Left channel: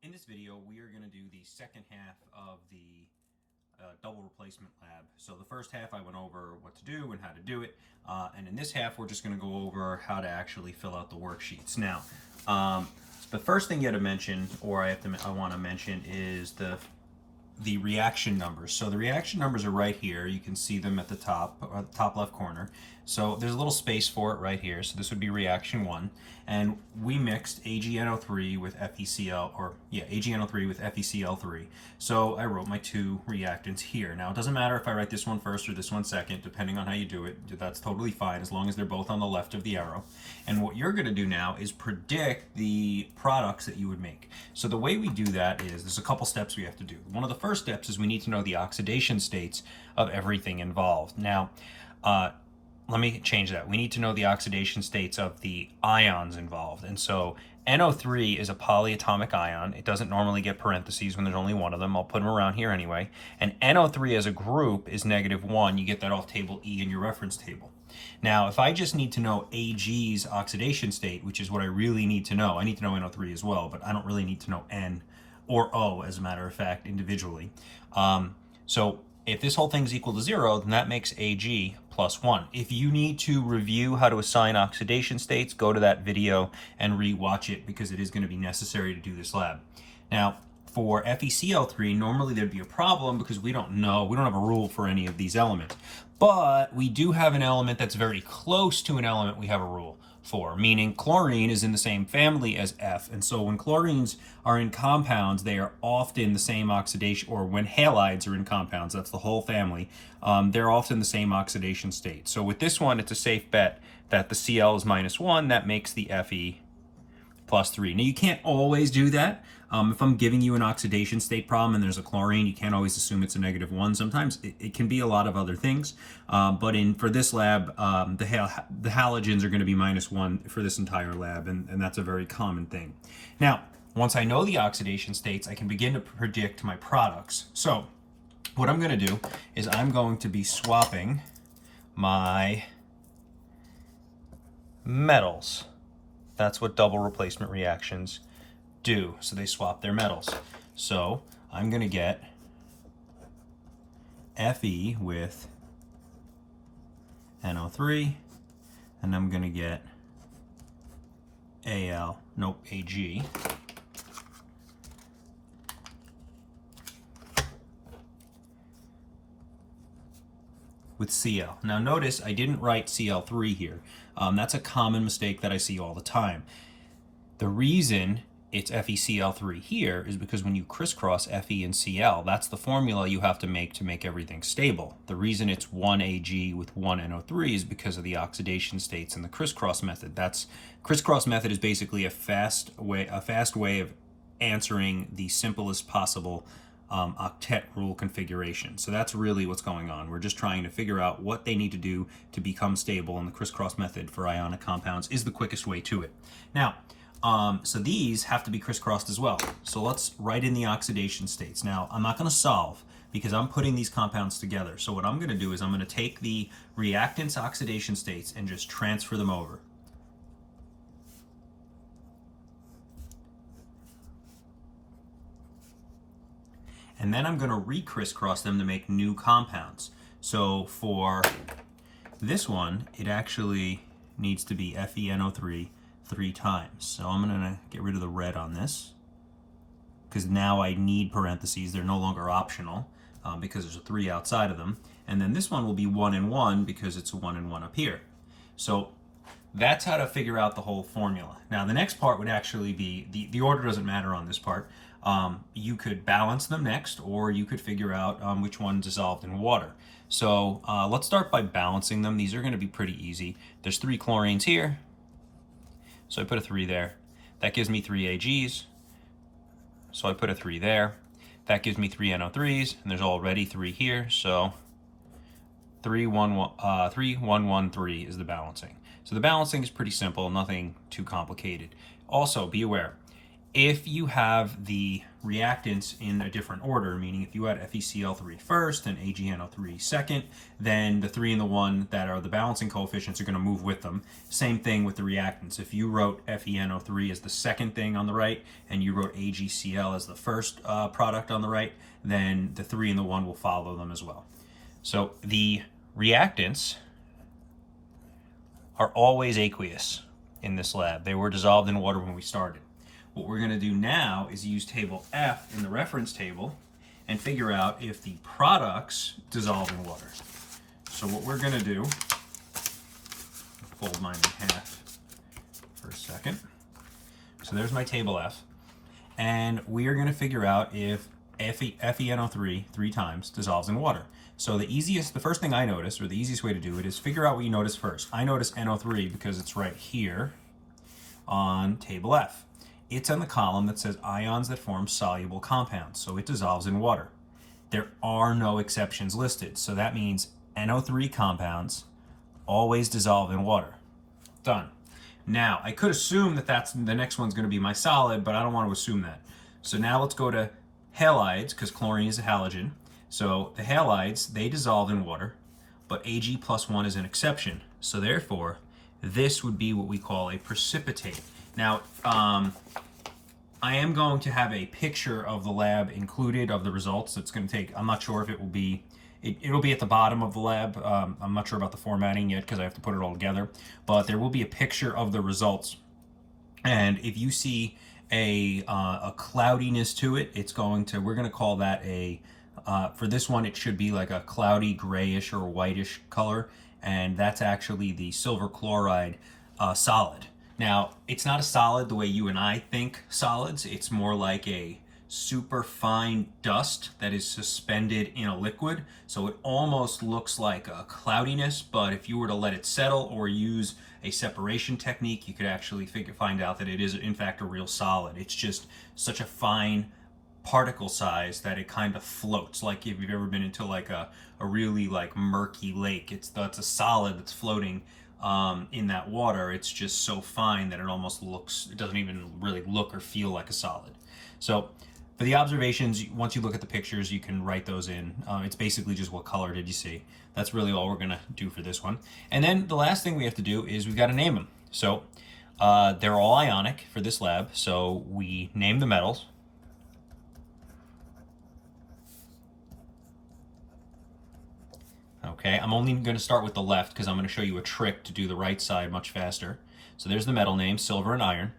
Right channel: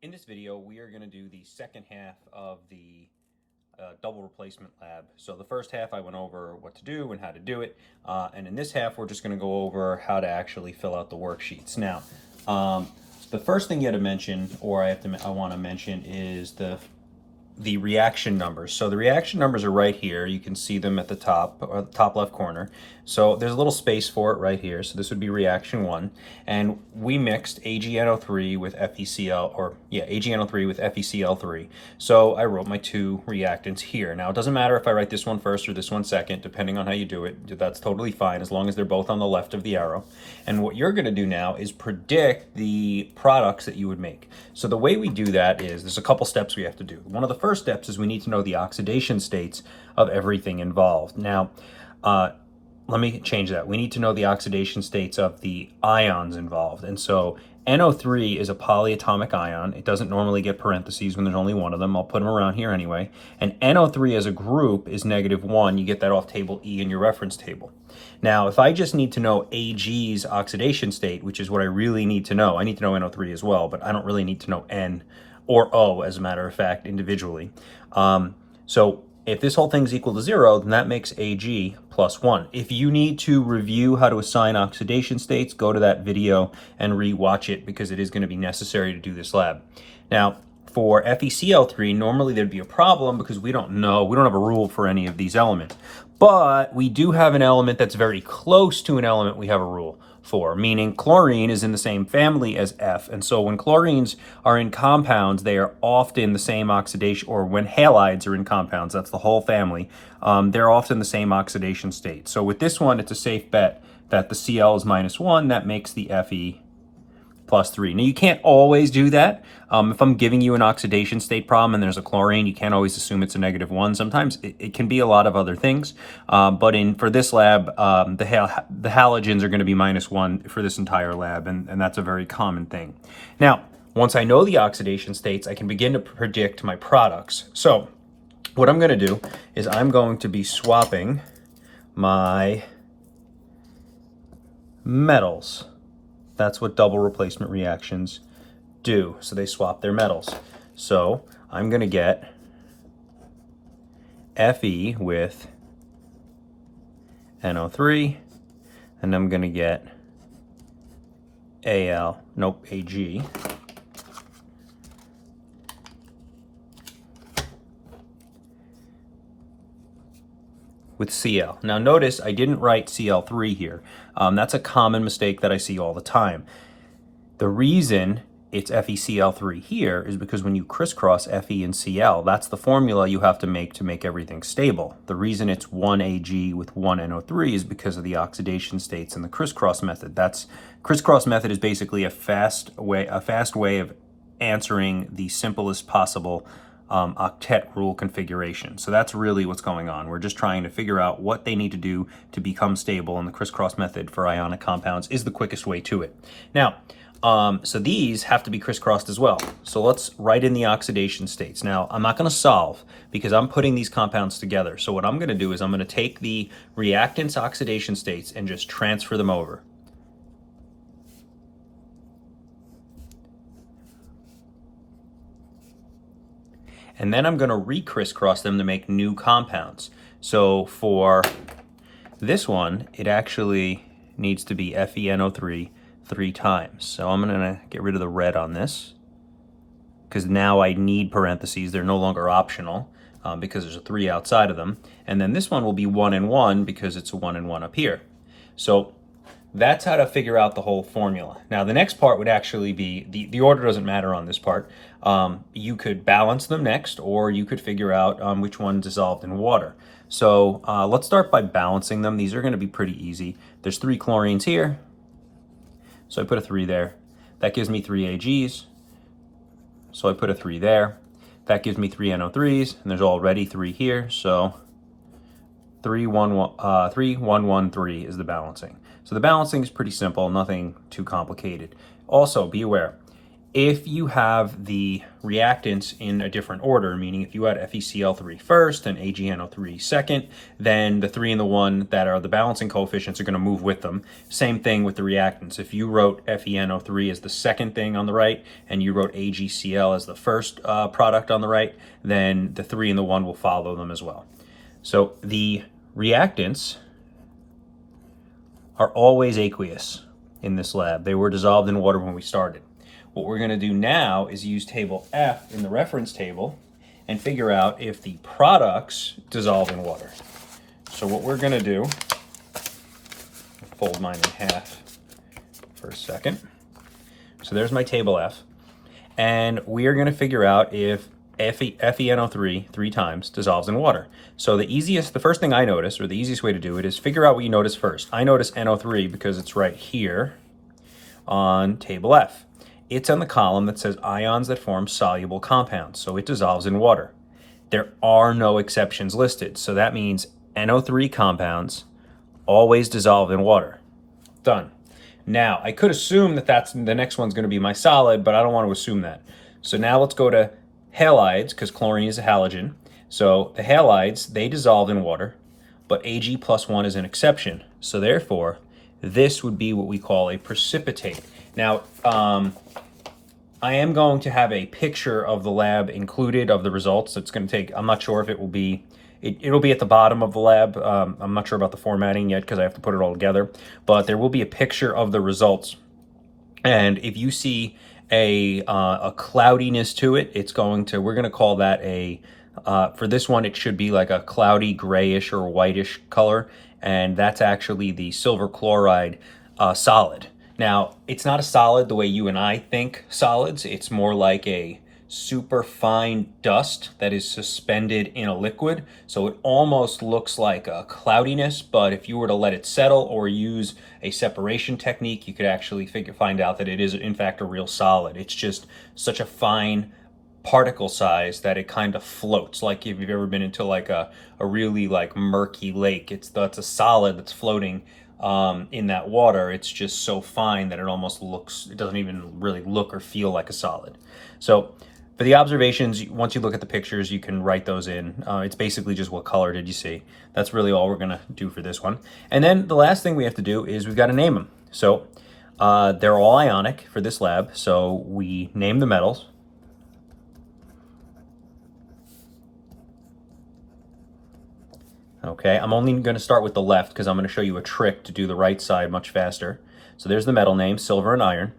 In this video, we are going to do the second half of the double replacement lab. So the first half I went over what to do and how to do it, and in this half we're just going to go over how to actually fill out the worksheets. Now, the first thing you have to mention, or I want to mention, is the reaction numbers. So the reaction numbers are right here. You can see them at the top left corner. So there's a little space for it right here. So this would be reaction 1. And we mixed AgNO3 with AgNO3 with FeCl3. So I wrote my two reactants here. Now it doesn't matter if I write this one first or this one second, depending on how you do it. That's totally fine as long as they're both on the left of the arrow. And what you're gonna do now is predict the products that you would make. So the way we do that is, there's a couple steps we have to do. One of the first steps is we need to know the oxidation states of everything involved. Now, let me change that. We need to know the oxidation states of the ions involved. And so NO3 is a polyatomic ion. It doesn't normally get parentheses when there's only one of them. I'll put them around here anyway. And NO3 as a group is -1. You get that off table E in your reference table. Now, if I just need to know Ag's oxidation state, which is what I really need to know, I need to know NO3 as well, but I don't really need to know N or O, as a matter of fact, individually. So if this whole thing's equal to 0, then that makes Ag +1. If you need to review how to assign oxidation states, go to that video and re-watch it, because it is going to be necessary to do this lab. Now, for FeCl3, normally there'd be a problem because we don't have a rule for any of these elements. But we do have an element that's very close to an element we have a rule for, meaning chlorine is in the same family as F. And so when chlorines are in compounds, they are often the same oxidation, or when halides are in compounds, that's the whole family, they're often the same oxidation state. So with this one, it's a safe bet that the Cl is -1, that makes the Fe +3. Now, you can't always do that. If I'm giving you an oxidation state problem and there's a chlorine, you can't always assume it's a -1. Sometimes it can be a lot of other things. But for this lab, the halogens are going to be -1 for this entire lab, and that's a very common thing. Now, once I know the oxidation states, I can begin to predict my products. So what I'm going to do is I'm going to be swapping my metals. That's what double replacement reactions do. So they swap their metals. So I'm going to get Fe with NO3, and I'm going to get Ag with Cl. Now notice I didn't write Cl3 here. That's a common mistake that I see all the time. The reason it's FeCl3 here is because when you crisscross Fe and Cl, that's the formula you have to make everything stable. The reason it's 1 Ag with 1 NO3 is because of the oxidation states and the crisscross method. Crisscross method is basically a fast way of answering the simplest possible octet rule configuration. So that's really what's going on. We're just trying to figure out what they need to do to become stable, and the crisscross method for ionic compounds is the quickest way to it. Now, so these have to be crisscrossed as well. So let's write in the oxidation states. Now, I'm not going to solve because I'm putting these compounds together. So what I'm going to do is I'm going to take the reactants' oxidation states and just transfer them over. And then I'm going to re-crisscross them to make new compounds. So for this one, it actually needs to be FeNO3 3 times. So I'm going to get rid of the red on this, because now I need parentheses. They're no longer optional because there's a 3 outside of them. And then this one will be 1 and 1 because it's a 1 and 1 up here. So that's how to figure out the whole formula. Now, the next part would actually be, the order doesn't matter on this part. You could balance them next, or you could figure out which one dissolved in water. So let's start by balancing them. These are going to be pretty easy. There's 3 chlorines here, so I put a 3 there. That gives me 3 Ags, so I put a 3 there. That gives me 3 NO3s, and there's already 3 here, so 3, 1, 1, 3 is the balancing. So the balancing is pretty simple, nothing too complicated. Also, be aware, If you have the reactants in a different order, meaning if you had FeCl3 first and AgNO3 second, then the 3 and the 1 that are the balancing coefficients are going to move with them. Same thing with the reactants. If you wrote FeNO3 as the second thing on the right and you wrote AgCl as the first product on the right, then the 3 and the 1 will follow them as well. So the reactants are always aqueous in this lab. They were dissolved in water when we started. What we're going to do now is use table F in the reference table and figure out if the products dissolve in water. So what we're going to do, fold mine in half for a second. So there's my table F. And we are going to figure out if FeNO3 3 times dissolves in water. So the first thing I notice, or the easiest way to do it, is figure out what you notice first. I notice NO3 because it's right here on table F. It's on the column that says ions that form soluble compounds, so it dissolves in water. There are no exceptions listed, so that means NO3 compounds always dissolve in water. Done. Now, I could assume that the next one's going to be my solid, but I don't want to assume that. So now let's go to halides, because chlorine is a halogen. So the halides, they dissolve in water, but Ag+1 is an exception. So therefore, this would be what we call a precipitate. Now, I am going to have a picture of the lab included of the results. It's going to take, I'm not sure if it will be, it'll be at the bottom of the lab. I'm not sure about the formatting yet because I have to put it all together, but there will be a picture of the results. And if you see a cloudiness to it, we're going to call that for this one, it should be like a cloudy grayish or whitish color. And that's actually the silver chloride solid. Now, it's not a solid the way you and I think solids. It's more like a super fine dust that is suspended in a liquid. So it almost looks like a cloudiness, but if you were to let it settle or use a separation technique, you could actually find out that it is in fact a real solid. It's just such a fine particle size that it kind of floats. Like if you've ever been into like a really like murky lake, that's a solid that's floating in that water. It's just so fine that it doesn't even really look or feel like a solid. So for the observations, once you look at the pictures, you can write those in. It's basically just what color did you see. That's really all we're gonna do for this one. And then the last thing we have to do is we've got to name them. So they're all ionic for this lab. So we name the metals. Okay, I'm only going to start with the left because I'm going to show you a trick to do the right side much faster. So there's the metal name, silver and iron.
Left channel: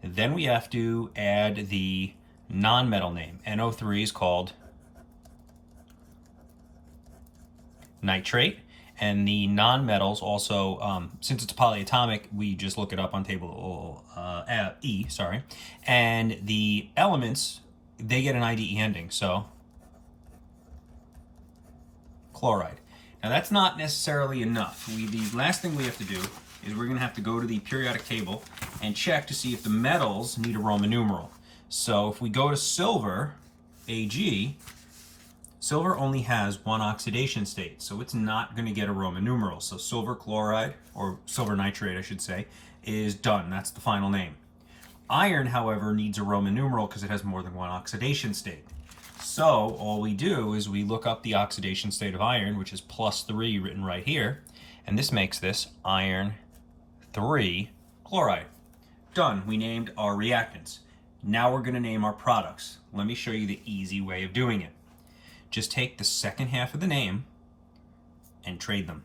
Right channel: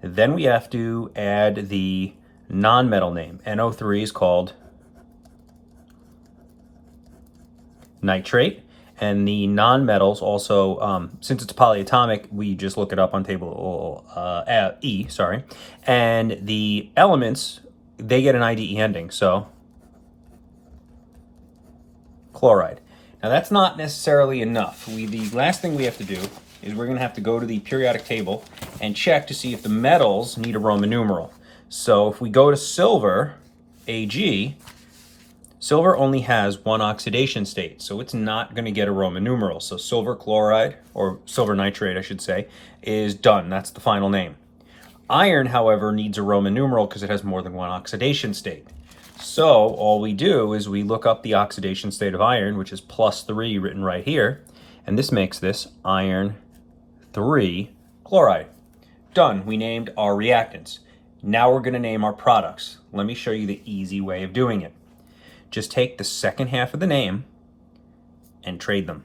Then we have to add the non-metal name. NO3 is called nitrate. And the non-metals also, since it's polyatomic, we just look it up on table E, sorry. And the elements, they get an IDE ending, so chloride. Now that's not necessarily enough. The last thing we have to do is we're going to have to go to the periodic table and check to see if the metals need a Roman numeral. So if we go to silver, Ag, silver only has one oxidation state, so it's not going to get a Roman numeral. So silver chloride, or silver nitrate I should say, is done. That's the final name. Iron, however, needs a Roman numeral because it has more than one oxidation state. So all we do is we look up the oxidation state of iron, which is +3 written right here, and this makes this iron 3 chloride. Done. We named our reactants. Now we're going to name our products. Let me show you the easy way of doing it. Just take the second half of the name and trade them.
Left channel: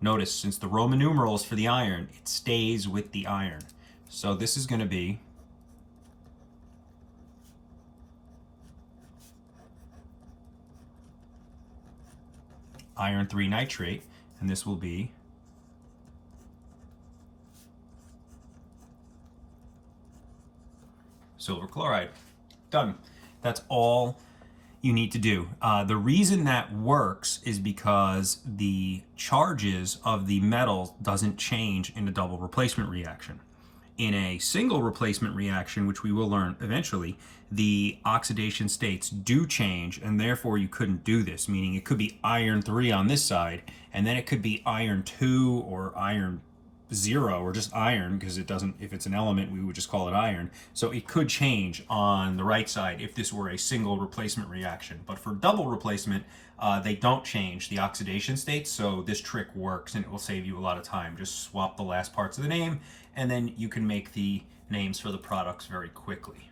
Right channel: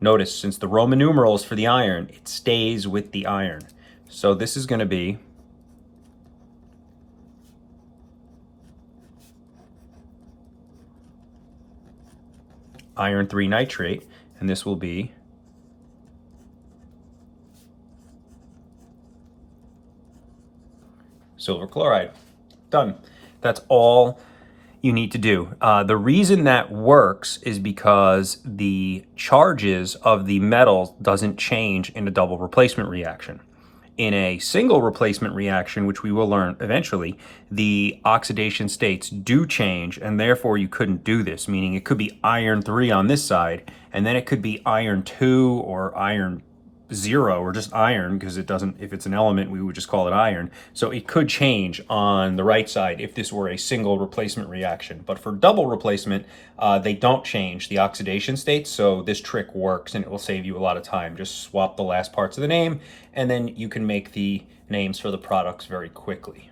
Notice, since the Roman numeral is for the iron, it stays with the iron. So this is going to be iron 3 nitrate, and this will be silver chloride. Done. That's all you need to do. The reason that works is because the charges of the metals doesn't change in a double replacement reaction. In a single replacement reaction, which we will learn eventually, the oxidation states do change, and therefore you couldn't do this, meaning it could be iron 3 on this side, and then it could be iron 2 or iron zero or just iron, because it doesn't, if it's an element, we would just call it iron. So it could change on the right side if this were a single replacement reaction. But for double replacement, they don't change the oxidation states. So this trick works and it will save you a lot of time. Just swap the last parts of the name and then you can make the names for the products very quickly.